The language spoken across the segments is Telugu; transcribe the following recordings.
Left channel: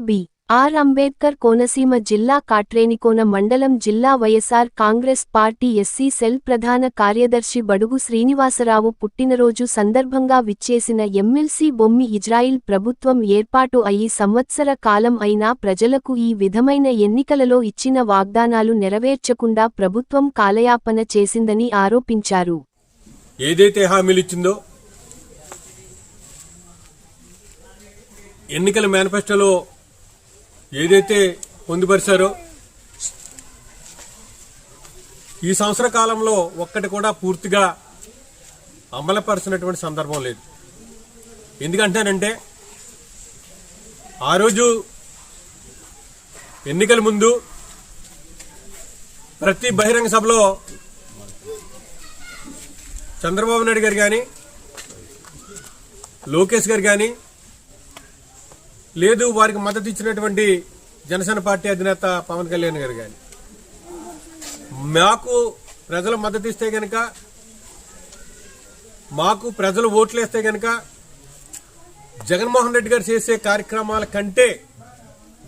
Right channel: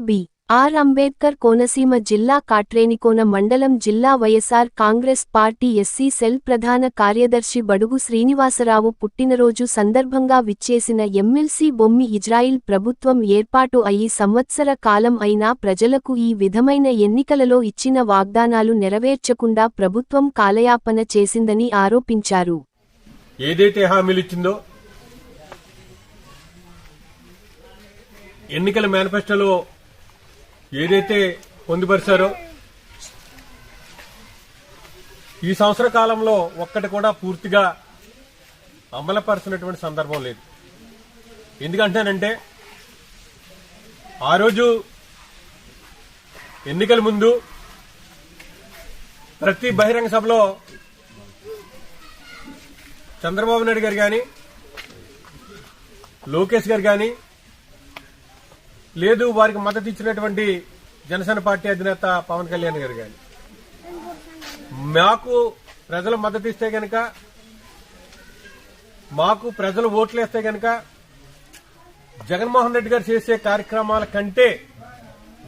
బి. ఆర్. అంబేద్కర్ కోనసీమ జిల్లా కాట్రేనికోన మండలం జిల్లా YSR Congress party SC cell ప్రధాన కార్యదర్శి బడుగు శ్రీనివాసరావు పుట్టినరోజు సందర్భంగా విచ్చేసిన ఎమ్మెల్సీ బొమ్మి ఇజ్రాయిల్ ప్రభుత్వం ఏర్పాటు అయి సంవత్సర కాలం అయినా ప్రజలకు ఈ విధమైన ఎన్నికలలో ఇచ్చిన వాగ్దానాలు నెరవేర్చకుండా ప్రభుత్వం కాలయాపన చేసిందని ఆరోపించారు. ఏదైతే హామీలిచ్చిందో ఎన్నికల మేనిఫెస్టోలో ఏదైతే పొందుపరిచారో ఈ సంవత్సర కాలంలో ఒక్కటి కూడా పూర్తిగా అమలుపరిచినటువంటి సందర్భం లేదు. ఎందుకంటేనంటే ఆ రోజు ఎన్నికల ముందు ప్రతి బహిరంగ సభలో చంద్రబాబు నాయుడు గారు కానీ లోకేష్ గారు కానీ లేదు వారికి మద్దతు ఇచ్చినటువంటి జనసేన పార్టీ అధినేత పవన్ కళ్యాణ్ గారు కానీ మాకు ప్రజలు మద్దతు ఇస్తే గనక మాకు ప్రజలు ఓట్లు వేస్తే గనక జగన్మోహన్ రెడ్డి గారు చేసే కార్యక్రమాల కంటే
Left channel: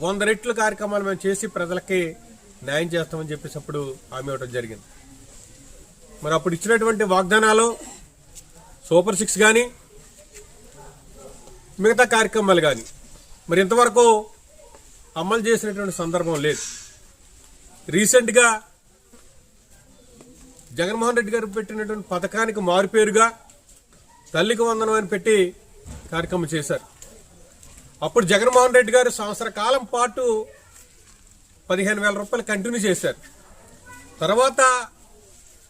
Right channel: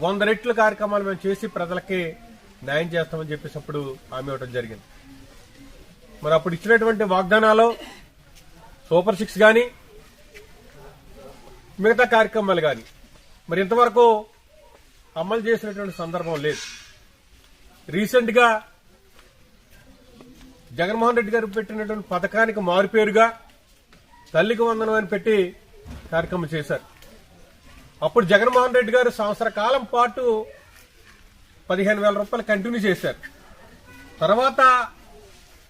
వంద రెట్ల కార్యక్రమాలు మేము చేసి ప్రజలకి న్యాయం చేస్తామని చెప్పేసి అప్పుడు హామీ ఇవ్వడం జరిగింది. మరి అప్పుడు ఇచ్చినటువంటి వాగ్దానాలు సూపర్ సిక్స్ కానీ మిగతా కార్యక్రమాలు కానీ మరి ఇంతవరకు అమలు చేసినటువంటి సందర్భం లేదు. రీసెంట్గా జగన్మోహన్ రెడ్డి గారు పెట్టినటువంటి పథకానికి మారుపేరుగా తల్లికి వందనం అని పెట్టి కార్యక్రమం చేశారు. అప్పుడు జగన్మోహన్ రెడ్డి గారు సంవత్సర కాలం పాటు పదిహేను వేల రూపాయలు కంటిన్యూ చేశారు. తర్వాత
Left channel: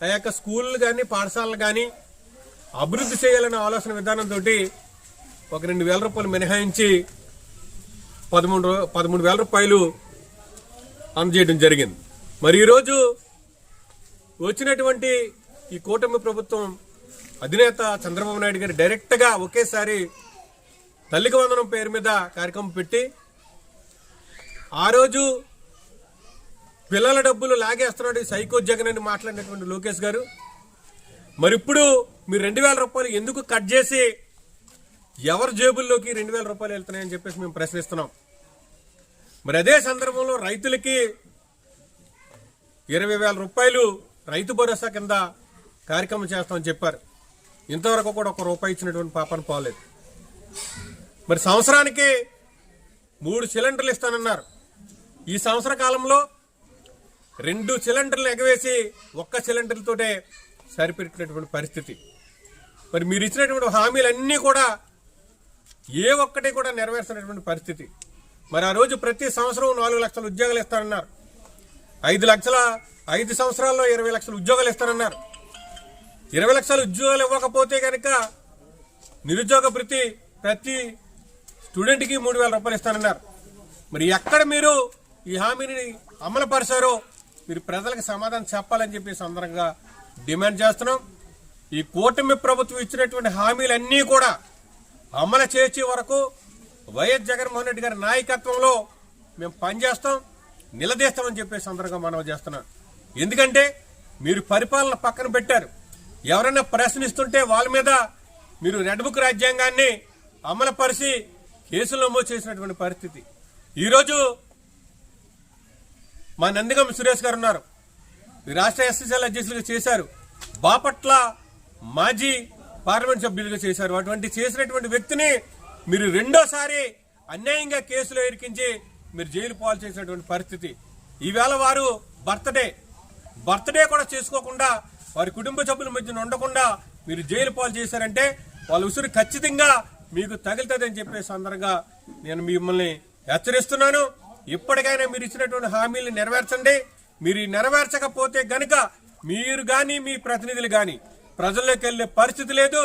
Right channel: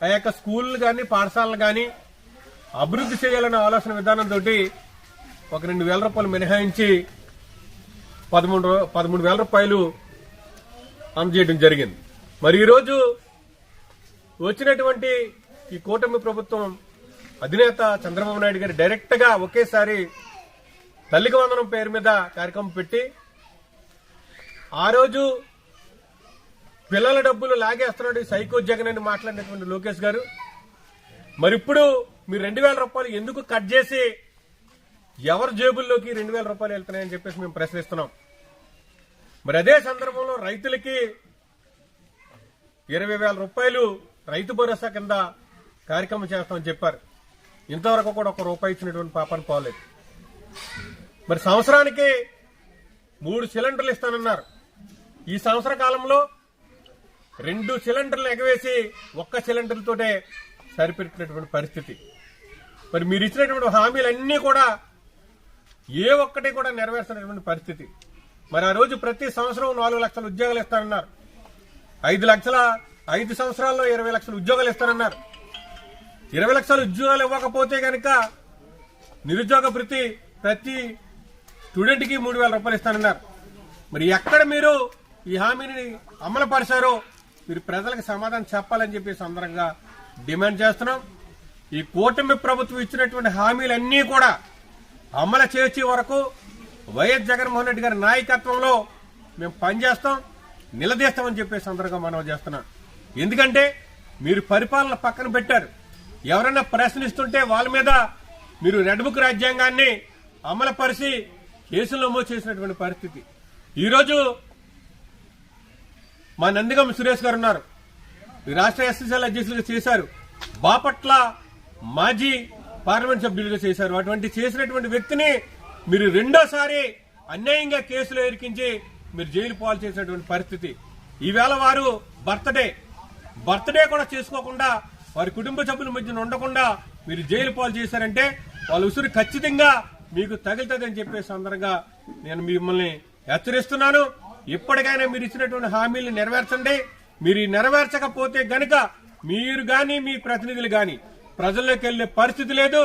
ఆ యొక్క స్కూళ్ళు కానీ పాఠశాలలు కానీ అభివృద్ధి చేయాలనే ఆలోచన విధానంతో ఒక రెండు వేల రూపాయలు మినహాయించి పదమూడు పదమూడు వేల రూపాయలు అందజేయడం జరిగింది. మరి ఈరోజు వచ్చినటువంటి ఈ కూటమి ప్రభుత్వం అధినేత చంద్రబాబు నాయుడు గారు డైరెక్ట్గా ఒకేసారి తల్లికి వందనం పేరు మీద కార్యక్రమం పెట్టి ఆ రోజు పిల్లల డబ్బులు లాగేస్తున్నాడు సైకో జగన్ అని మాట్లాడినటువంటి లోకేష్ గారు. మరి ఇప్పుడు మీరు రెండు వేల రూపాయలు ఎందుకు కట్ చేసి ఎవరి జేబుల్లోకి రెండు వేల రూపాయలు వెళ్తున్నాయని చెప్పేసి మేము ప్రశ్నిస్తున్నాం. మరి అదే సందర్భంలో రైతులకి ఇరవై వేల రూపాయలు రైతు భరోసా కింద కార్యక్రమం చేస్తామని చెప్పారు. ఇంతవరకు కూడా ఒక రూపాయి ఇచ్చినటువంటి పాపను పోలేదు. మరి సంవత్సరానికి మూడు సిలిండర్లు ఇస్తానన్నారు. ఈ సంవత్సర కాలంలో రెండు సిలిండర్లు ఎగవేసి ఒక్క సిలిండర్లతోటే సరిపెట్టినటువంటి పరిస్థితి. మరి మీరు ఇచ్చినటువంటి హామీలన్నీ కూడా ఏ ఒక్కటి కూడా నెరవేర్చినటువంటి పరిస్థితి. మరి ఆ రోజు ప్రతి సంవత్సరం నాలుగు లక్షల ఉద్యోగాలు ఇస్తారన్నారు ఐదు లక్షల ఐదు సంవత్సరాల్లో ఇరవై లక్షల ఉద్యోగాలు ఇస్తారన్నారు ఇరవై లక్షల ఉద్యోగాలు ఇవ్వకపోతే కనుక నిరుద్యోగ ప్రతి ప్రతి స్టూడెంట్కి మూడు వేల రూపాయలు ఇస్తానన్నారు. మరి ఎక్కడ మీరు ఈ హామీని అమలు పరిచారో మీరు ప్రజలకు సమాధానం చెప్పాలని చెప్పి సందర్భంగా డిమాండ్ చేస్తున్నాం. ఈ కూటమి ప్రభుత్వం ఇచ్చినటువంటి హామీలన్నీ కూడా అమలు చేసే వరకు వైఎస్ జగన్మోహన్ రెడ్డి గారి నాయకత్వంలో మేము పనిచేస్తాం నిలదీస్తామని చెప్పే సందర్భంగా మనం చేస్తున్నాం. ఎందుకంటే మీరు పరిపాలన పక్కన పెట్టారు. ఎవరైనా ప్రశ్నిస్తుంటే వాళ్ళ మీద మీరు రెడ్ బుక్ రాజ్యాంగాన్ని అమలుపరిచి కేసులు నమోదు చేసినటువంటి పరిస్థితి. ఈరోజు మా నందిగం సురేష్ గారు ఉన్నారు. రాష్ట్ర ఎస్ఎస్ఎల్ అధ్యక్షులుగా చేశారు. బాపట్ల మాజీ పార్లమెంట్ సభ్యులుగా చేశారు. అటువంటి చేసినటువంటి వ్యక్తిని మీరు రెండోసారి అన్యాయంగా కేసులో ఇరికించి మీరు జైలు పాలు చేసినటువంటి పరిస్థితి. ఈవేళ వారు బర్త్డే. బర్త్డే కూడా చేసుకోకుండా వారి కుటుంబ సభ్యుల మధ్యన ఉండకుండా మీరు జైలు పాలు చేశారంటే వాళ్ళ ఉసురు ఖచ్చితంగా మీకు తగులుతుందని చెప్పే సందర్భంగా నేను మిమ్మల్ని హెచ్చరిస్తున్నాను. ఇప్పటికైనా మీరు ఇచ్చినటువంటి హామీలు నెరవేర్చండి. మీరు నెరవేర్చకపోతే గనక మీరు కానీ మీ ప్రతినిధులు కానీ ప్రజల్లోకి వెళ్ళే పరిస్థితి లేదు.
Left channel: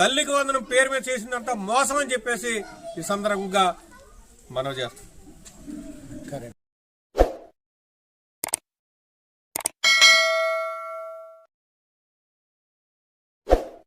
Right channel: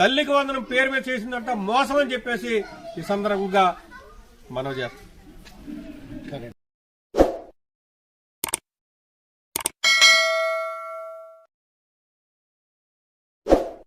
తల్లికి వందనం పేరు మీద చేసినంత మోసం అని చెప్పేసి ఈ సందర్భంగా మనవి చేస్తాం.